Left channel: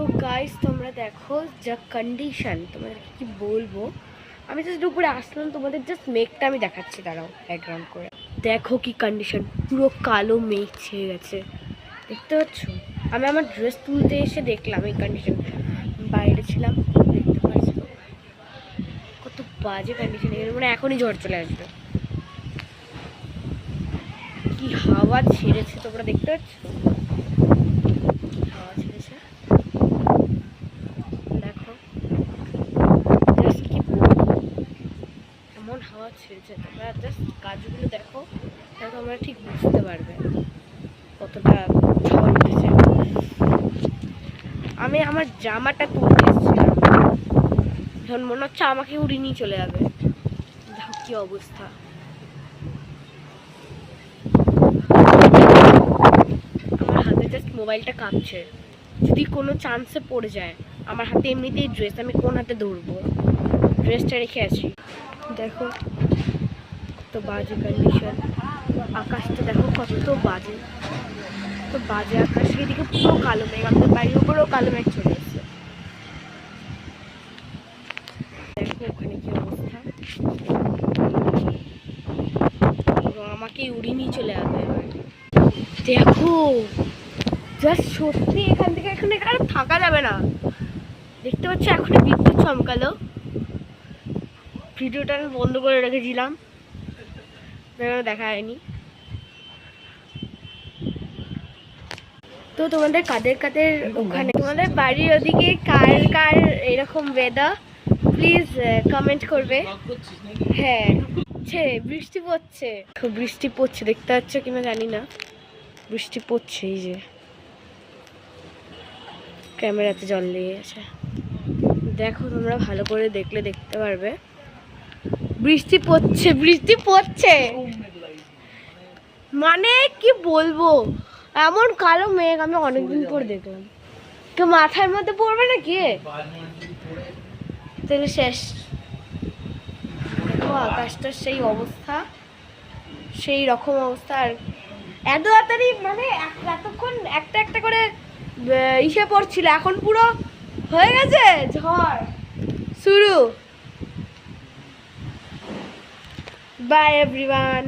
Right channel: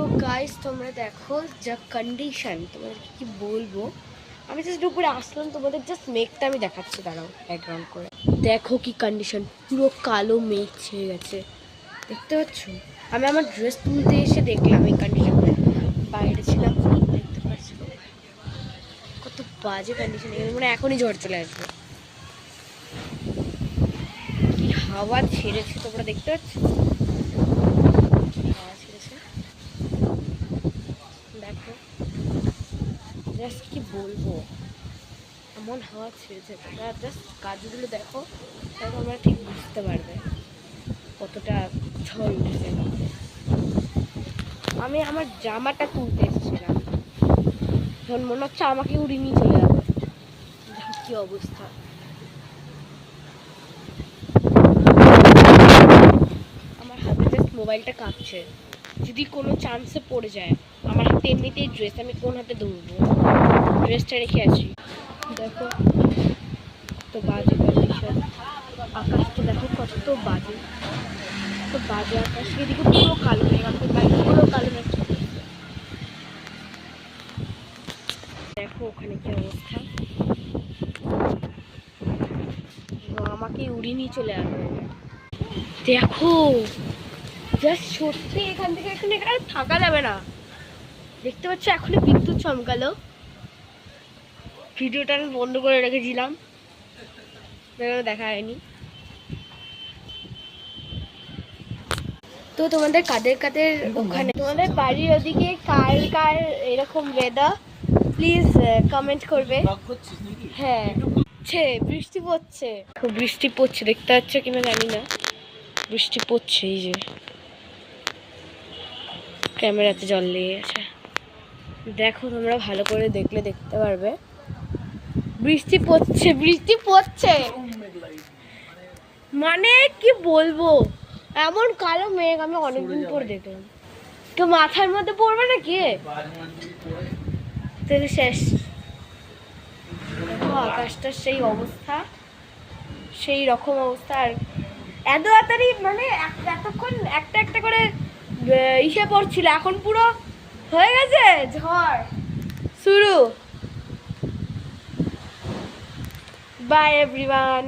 তো গাইস তোমরা দেখো যা কন্ডিশন, তোমাদের কি বলবো। আমি জাস্ট উপরে আসলাম, তোমাদের জাস্ট মেঘটা আমি দেখাচ্ছি, দাঁড়াও ব্যাকগ্রাউন্ড করে। দেখো কি কন্ডিশন, পুরো কালো মেঘ ছেয়ে গেছে, দেখতে পাচ্ছ। আমি আমার ড্রেস তুলতে এসে দেখলাম এই কন্ডিশন, বাইরে ছিলাম, দেখতে পাচ্ছ কত বাজে কন্ডিশন। এখানে মানে এখনই ঝড় চলে আসবে। কি হাওয়া ছেড়েছে তোমরা দেখতে পাচ্ছ, কি হাওয়া ছেড়েছে দেখো। জাস্ট কি বলবো, এমন হাওয়া ছেড়েছে। তোমরা জাস্ট গাছগুলো দেখো, তাহলে তোমরা ঠিক বুঝতে পারবে কতটা ঝড় উঠেছে। আমি আমার জামাটা তুলতে এসেছিলাম, এখন মনে হচ্ছে আমাকে উড়িয়ে নিয়ে চলে যাবে। দেখো কি অবস্থা। আমার হাতে জাস্ট মোবাইলটা কাঁপছে, যদি কোনো চান্সে পড়ে যায়। আমার হাতে এমনিতেই ড্রেস, আমি কোন হাতে ধরবো, ড্রেসটা রেখে আছি। দেখো কত বাজে কন্ডিশন, আকাশটা দেখো কত বাজে, তো বাজে আকাশ। এদিকে পুরো কালো মেঘ, আমাদের বাইরে পুরো কালো মেঘ চলে এসেছে। দেখো ওখানে কি অবস্থা, আমাকে উড়িয়ে নিয়ে চলে যাবে এবার। দেখো জাস্ট সত্যি এখান থেকে এখানে আর থাকা যাবে না। দেখতে পাচ্ছ এখনই বিদ্যুৎ চমকালো। ভিডিওটা আমি বন্ধ করে রেখেছিলাম, দেখা হয়নি। তো তোমাদের কাদের কাদের ওখানে, তোমাদের বাড়ির ওদিকে কার কার এরকম ওয়েদার, প্লিজ কমেন্ট করবে। হ্যাঁ বৃষ্টি পড়ছে, খুব বৃষ্টি পড়ছে, দেখতে পাচ্ছ কিনা জানি না, বৃষ্টি পড়ছে। এই যে ক্যামেরাতে জল লেগে গেছে, দেখো তোমরা ভালো করে দেখলে দেখতে পারবে। বৃষ্টি পড়ছে, বৃষ্টি পড়ছে, মানে কি বলবো, এমন কালো মেঘ আমি অনেকদিন পর দেখলাম। তো মাথার মধ্যে পড়বে না কি, তাহলে শেষ। দেখো আকাশটার সেই অবস্থা, সেই রকম অবস্থা। আর এত তাড়াতাড়ি মানে এতক্ষণ একটা একটা করে ইসে পড়ছিল, এখন পুরো হয়ে গেছে ঝড় শুরু। By everyone.